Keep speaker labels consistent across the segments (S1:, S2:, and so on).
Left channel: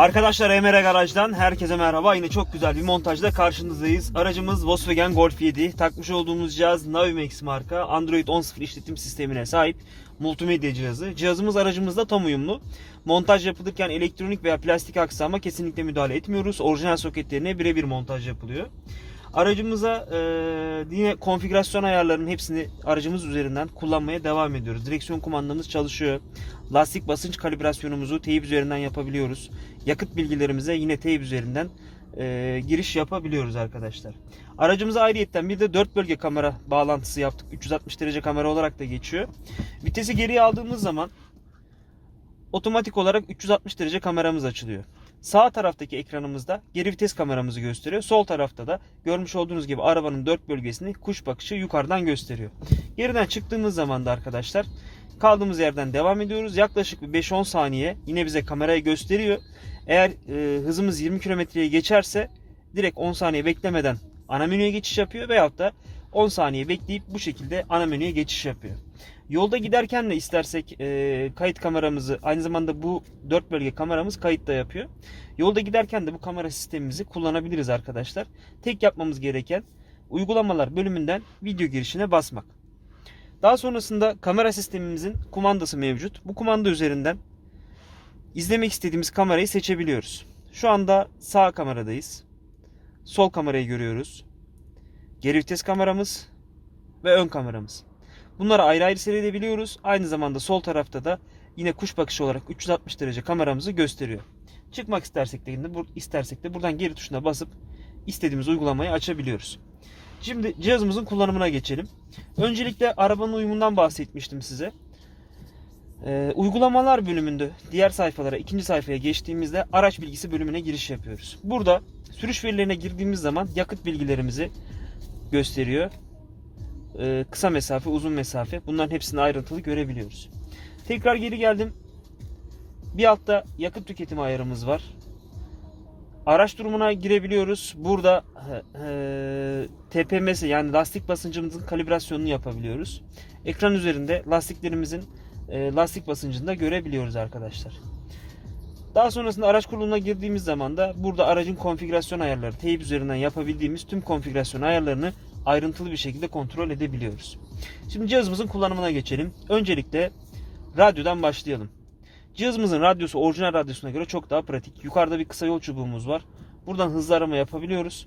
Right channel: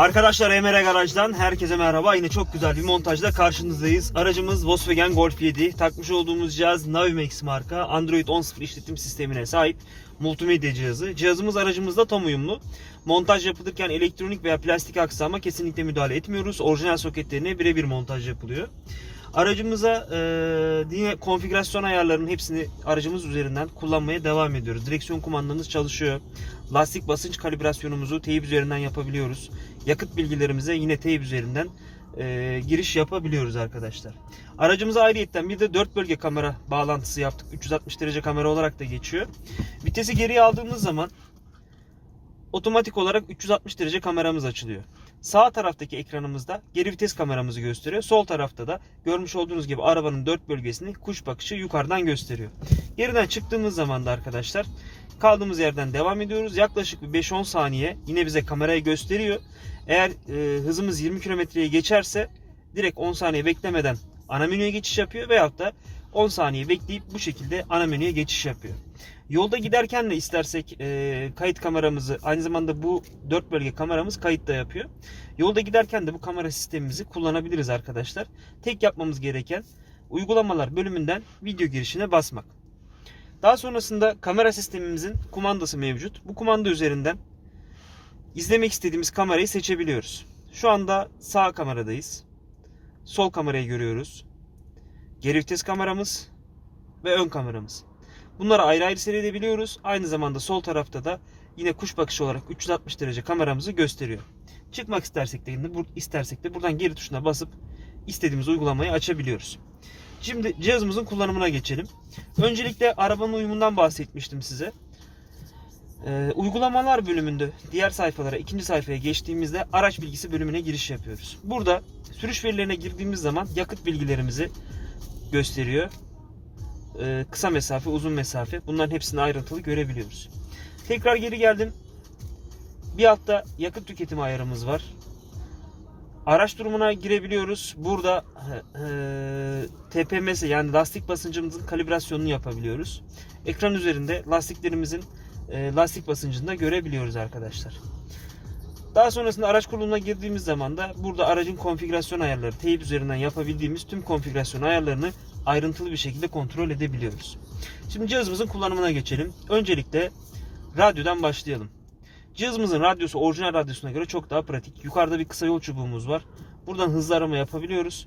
S1: Arkadaşlar Emre Garaj'dan herkese merhaba. Yine çok güzel bir montajla karşınızdayız. Aracımız Volkswagen Golf 7. Takmış olduğumuz cihaz Navimax marka. Android 10.0 işletim sistemine sahip multimedya cihazı. Cihazımız aracımızda tam uyumlu. Montaj yapılırken elektronik veya plastik aksama kesinlikle müdahale etmiyoruz. Orijinal soketlerine birebir montaj yapılıyor. Aracımıza e, yine konfigürasyon ayarlarının hepsini aracımız üzerinden kullanmaya devam ediyoruz. Direksiyon kumandamız çalışıyor. Lastik basınç kalibrasyonumuzu teyip üzerinden yapabiliyoruz. Yakıt bilgilerimize yine teyip üzerinden e, giriş yapabiliyoruz arkadaşlar. Aracımıza ayrıyetten bir de 4 bölge kamera bağlantısı yaptık. 360 derece kamera olarak da geçiyor. Vitesi geriye aldığımız zaman otomatik olarak 360 derece kameramız açılıyor. Sağ taraftaki ekranımızda geri vites kameramızı gösteriyor. Sol tarafta da görmüş olduğunuz gibi arabanın dört bölgesini kuş bakışı yukarıdan gösteriyor. Geriden çıktığımız zaman da arkadaşlar kaldığımız yerden devam ediyoruz. Yaklaşık bir 5-10 saniye yine bize kamerayı gösteriyor. Eğer e, hızımız 20 kilometreye geçerse direkt 10 saniye beklemeden ana menüye geçiş yapıyor veyahut da 10 saniye bekleyip bu şekilde ana menüye geçiş yapıyor. Yolda giderken de istersek e, kayıt kameramızı aynı zamanda bu 4 bölge kameramız kayıt da yapıyor. Yolda giderken de bu kamera sistemimizi kullanabiliriz arkadaşlar. Tek yapmamız gereken uygulamalar bölümünden video girişine basmak. Daha sonrasında kamera sistemimizin kumandası mevcut. Bu kumanda üzerinden izlemek istediğimiz kamerayı seçebiliyoruz. Şu anda sağ kameradayız. Sol kamerayı görüyoruz. Geri vites kameramız ve ön kameramız. Bunları ayrı ayrı seyredebiliyoruz. Aynı zamanda sol tarafta da yine kuş bakışı olarak 360 derece kameramızı gösteriyor. Çıkmak istersek de, istersek de buradan geri tuşuna basıp istediğimiz uygulamayı açabiliyoruz. Şimdi cihazımızın kullanımına geçelim. Öncelikle arabanın uyumundan bahsetmiştim size. Ee, uygulamalar bölümünde diğer sayfalara ikinci sayfaya geçtiğimizde araç bilgisi bölümüne giriş yapıyoruz. Burada sürüş verilerine girdiğimiz zaman yakıt bilgilerimizi gösteriyor. Ee, kısa mesafe, uzun mesafe bunların hepsini ayrıntılı görebiliyoruz. Tekrar geri geldim. Bir altta yakıt tüketimi ayarımız var. Araç durumuna girebiliyoruz. Burada e, TPMS yani lastik basıncımızın kalibrasyonunu yapabiliyoruz. Ekran üzerinde lastiklerimizin e, lastik basıncını da görebiliyoruz arkadaşlar. Daha sonrasında araç kurulumuna girdiğimiz zaman da burada aracın konfigürasyon ayarları teyip üzerinden yapabildiğimiz tüm konfigürasyon ayarlarını ayrıntılı bir şekilde kontrol edebiliyoruz. Şimdi cihazımızın kullanımına geçelim. Öncelikle radyodan başlayalım. Cihazımızın radyosu orijinal radyosuna göre çok daha pratik. Yukarıda bir kısa yol çubuğumuz var. Buradan hızlı arama yapabiliyoruz.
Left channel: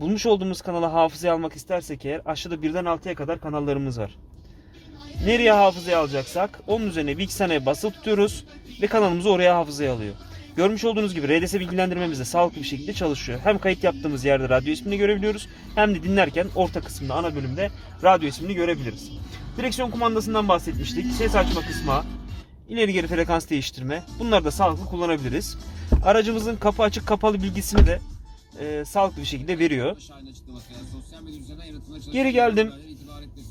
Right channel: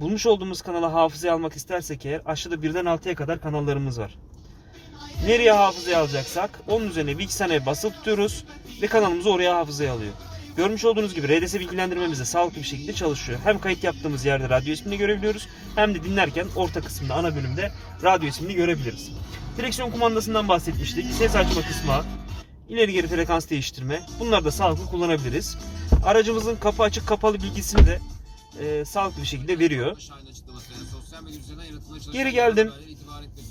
S1: Bulmuş olduğumuz kanala hafızaya almak istersek eğer aşağıda birden 6'ya kadar kanallarımız var. Nereye hafızaya alacaksak onun üzerine saniye basılı tutuyoruz ve kanalımızı oraya hafızaya alıyor. Görmüş olduğunuz gibi RDS bilgilendirmemiz de sağlıklı bir şekilde çalışıyor. Hem kayıt yaptığımız yerde radyo ismini görebiliyoruz hem de dinlerken orta kısmında ana bölümde radyo ismini görebiliriz. Direksiyon kumandasından bahsetmiştik. Ses açma kısmı, ileri geri frekans değiştirme. Bunları da sağlıklı kullanabiliriz. Aracımızın kapı açık kapalı bilgisini de e, sağlıklı bir şekilde veriyor. Geri geldim.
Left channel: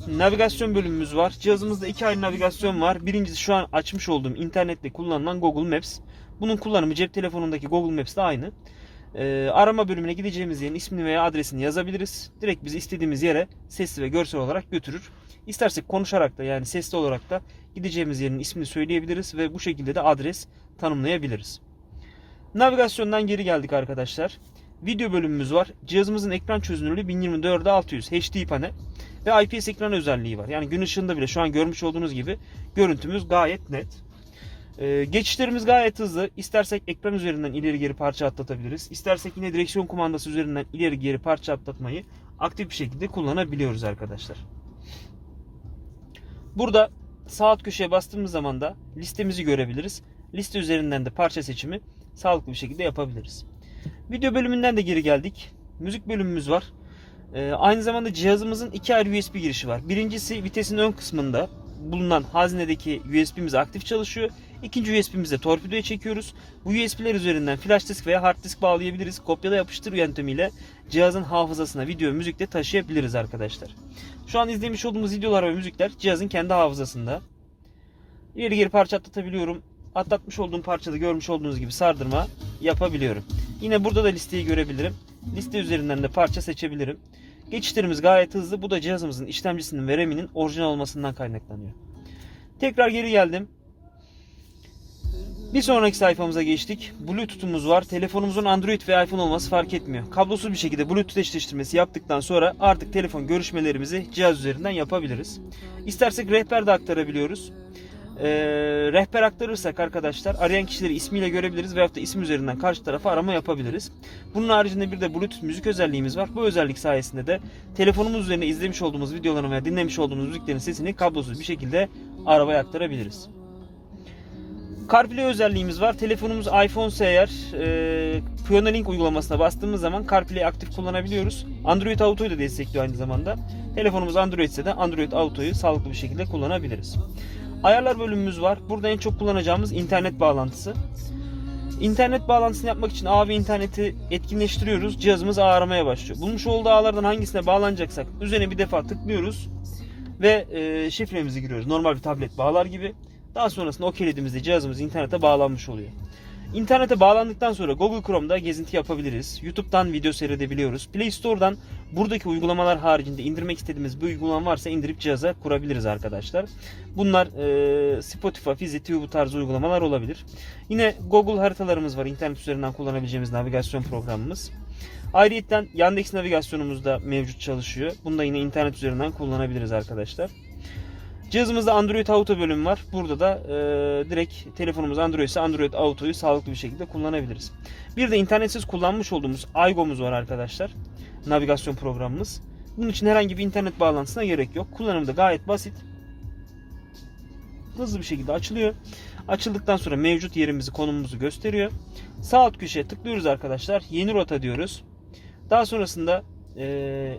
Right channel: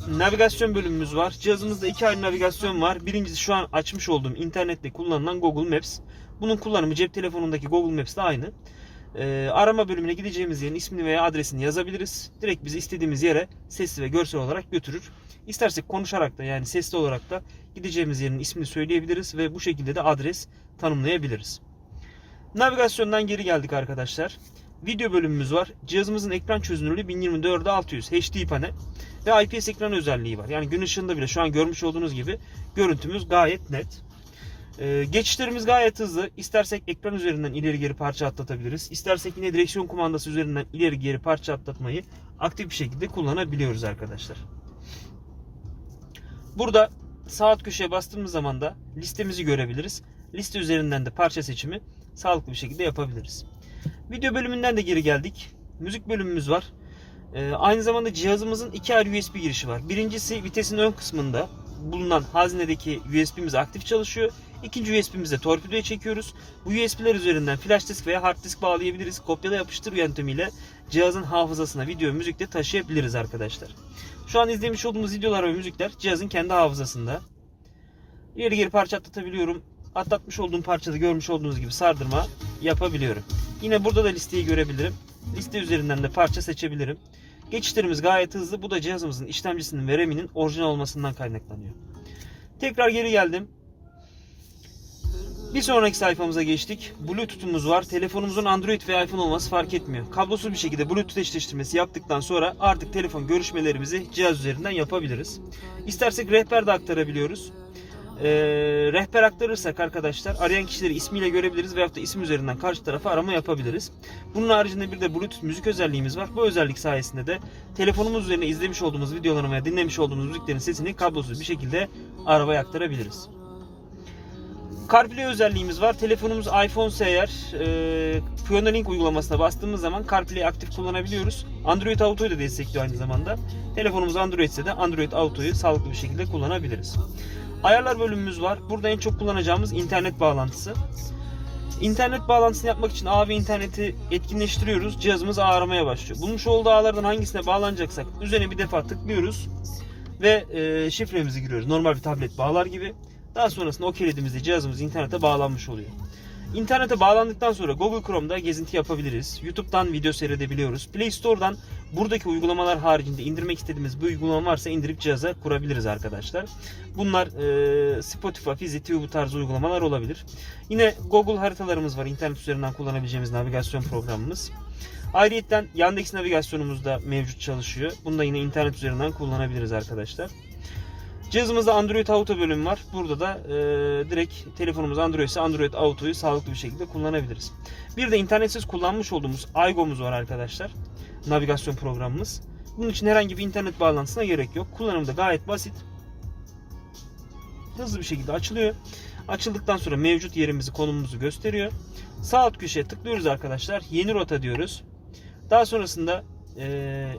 S1: Navigasyon bölümümüz var. Cihazımızda iki ayrı navigasyon var. Birincisi şu an açmış olduğum internette kullanılan Google Maps. Bunun kullanımı cep telefonundaki Google Maps'te aynı. Ee, arama bölümüne gideceğimiz yerin ismini veya adresini yazabiliriz. Direkt bizi istediğimiz yere sesli ve görsel olarak götürür. İstersek konuşarak da yani sesli olarak da gideceğimiz yerin ismini söyleyebiliriz ve bu şekilde de adres tanımlayabiliriz. Navigasyondan geri geldik arkadaşlar. Video bölümümüz var. Cihazımızın ekran çözünürlüğü 1024'e 600 HD panel ve IPS ekran özelliği var. Yani gün ışığında bile şu an görmüş olduğunuz gibi görüntümüz gayet net. Ee, geçişlerimiz gayet hızlı. İstersek ekran üzerinden ileri geri parça atlatabiliriz. İstersek yine direksiyon kumandası üzerinden ileri geri parça atlatmayı aktif bir şekilde kullanabiliyoruz arkadaşlar. Burada sağ alt köşeye bastığımız zaman da listemizi görebiliriz. Liste üzerinden de parça seçimi sağlıklı bir şekilde yapabiliriz. Video bölümünden de geri geldik. Müzik bölümümüz var. Ee, aynı zamanda cihazımızın iki ayrı USB girişi var. Birincisi vitesin ön kısmında bulunan haznedeki USB'miz aktif çalışıyor. İkinci USB'mizi torpidoya çekiyoruz. Bu USB'ler üzerinden flash disk veya hard disk bağlayabiliriz. Kopyala yapıştır yöntemiyle cihazın hafızasına video müzik de taşıyabiliriz arkadaşlar. Şu an izlemiş olduğumuz videolar ve müzikler cihazın kendi hafızasında. İleri geri parça atlatabiliyorum. Atlatmış olduğum parçada görmüş olduğunuz gibi sardırma yapabiliyorum. Yine burada da listeyi görebilirim. Liste üzerinden de parça seçebilirim. Geçişlerimiz gayet hızlı. Bu da cihazımızın işlemcisinin ve RAM'inin orijinal olmasından kaynaklanıyor. Tekrar geri geldim. Bir sonraki sayfamıza geçtik. Bluetooth'umuz var. Telefonumuzun Android ve iPhone olması fark etmiyor. Kablosuz bir şekilde Bluetooth eşleştirmesi yaptıktan sonra artık telefon görüşmelerimizi cihaz üzerinden yapabiliriz. İstersek rehber de aktarabiliyoruz. Ee, rehber aktarırsak arkadaşlar arayan kişileri ismiyle görebiliriz veyahut da isim üzerinden karşı tarafa arama yapabiliriz. Bunun haricinde bir de Bluetooth müzik özelliğimiz var. Bu özellik sayesinde de telefonumuz üzerine izlemiş olduğumuz videoların veya dinlemiş olduğumuz müziklerin sesini kablosuz bir şekilde arabaya aktarabiliriz. CarPlay özelliğimiz var. Telefonumuz iPhone eğer e, Pioneer Link uygulamasına bastığımız zaman CarPlay'i aktif kullanabiliyoruz. Android Auto'yu da destekliyor aynı zamanda. Telefonumuz Android ise de Android Auto'yu sağlıklı bir şekilde kullanabiliriz. Ayarlar bölümümüz var. Burada en çok kullanacağımız internet bağlantısı. İnternet bağlantısını yapmak için ağ interneti etkinleştiriyoruz. Cihazımız ağ aramaya başlıyor. Bulmuş olduğu ağlardan hangisine bağlanacaksak üzerine bir defa tıklıyoruz ve e, şifremizi giriyoruz. Normal bir tablet bağlar gibi. Daha sonrasında o kilidimizde cihazımız internete bağlanmış oluyor. İnternete bağlandıktan sonra Google Chrome'da gezinti yapabiliriz. YouTube'dan video seyredebiliyoruz. Play Store'dan buradaki uygulamalar haricinde indirmek istediğimiz bir uygulama varsa indirip cihaza kurabiliriz arkadaşlar. Bunlar e, Spotify, Fizi, bu tarz uygulamalar olabilir. Yine Google haritalarımız var. İnternet üzerinden kullanabileceğimiz navigasyon programımız. Ayrıca Yandex navigasyonumuz da mevcut çalışıyor. Bunu da yine internet üzerinden kullanabiliriz arkadaşlar. Cihazımızda Android Auto bölümü var. Burada da e, direkt telefonumuz Android ise Android Auto'yu sağlıklı bir şekilde kullanabiliriz. Bir de internetsiz kullanmış olduğumuz Aygo'muz var arkadaşlar. Navigasyon programımız. Bunun için herhangi bir internet bağlantısına gerek yok. Kullanımı da gayet basit. Hızlı bir şekilde açılıyor. Açıldıktan sonra mevcut yerimizi, konumumuzu gösteriyor. Sağ alt köşeye tıklıyoruz arkadaşlar. Yeni rota diyoruz. Daha sonrasında e,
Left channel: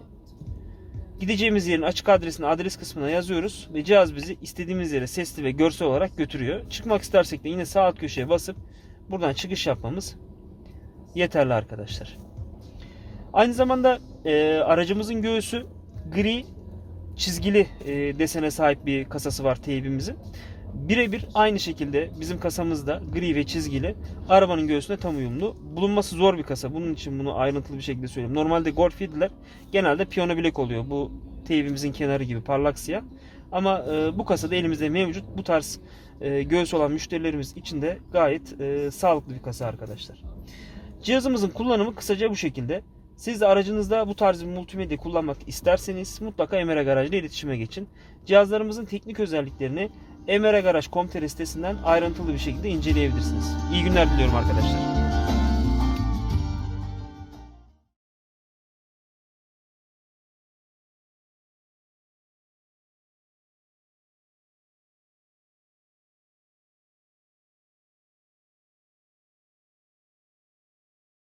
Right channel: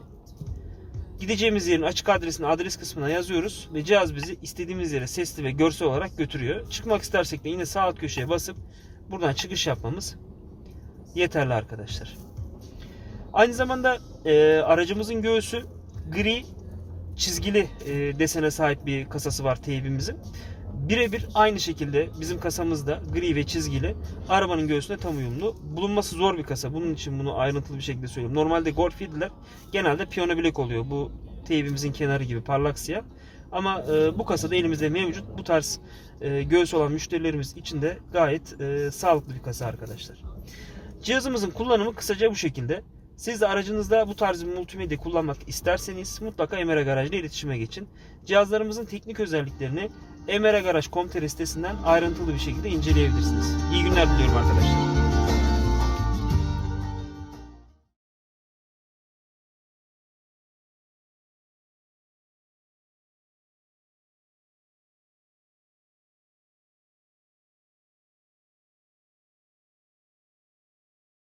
S1: Gideceğimiz yerin açık adresini adres kısmına yazıyoruz ve cihaz bizi istediğimiz yere sesli ve görsel olarak götürüyor. Çıkmak istersek de yine sağ alt köşeye basıp buradan çıkış yapmamız yeterli arkadaşlar. Aynı zamanda e, aracımızın göğsü gri çizgili e, desene sahip bir kasası var teybimizin. Birebir aynı şekilde bizim kasamızda gri ve çizgili arabanın göğsüne tam uyumlu. Bulunması zor bir kasa. Bunun için bunu ayrıntılı bir şekilde söyleyeyim. Normalde Golf 7'ler genelde piyano bilek oluyor. Bu teybimizin kenarı gibi parlak siyah. Ama e, bu kasada elimizde mevcut. Bu tarz e, göğüs olan müşterilerimiz için de gayet e, sağlıklı bir kasa arkadaşlar. Cihazımızın kullanımı kısaca bu şekilde. Siz de aracınızda bu tarz bir multimedya kullanmak isterseniz mutlaka Emera Garaj ile iletişime geçin. Cihazlarımızın teknik özelliklerini emeragaraj.com.tr sitesinden ayrıntılı bir şekilde inceleyebilirsiniz. İyi günler diliyorum arkadaşlar.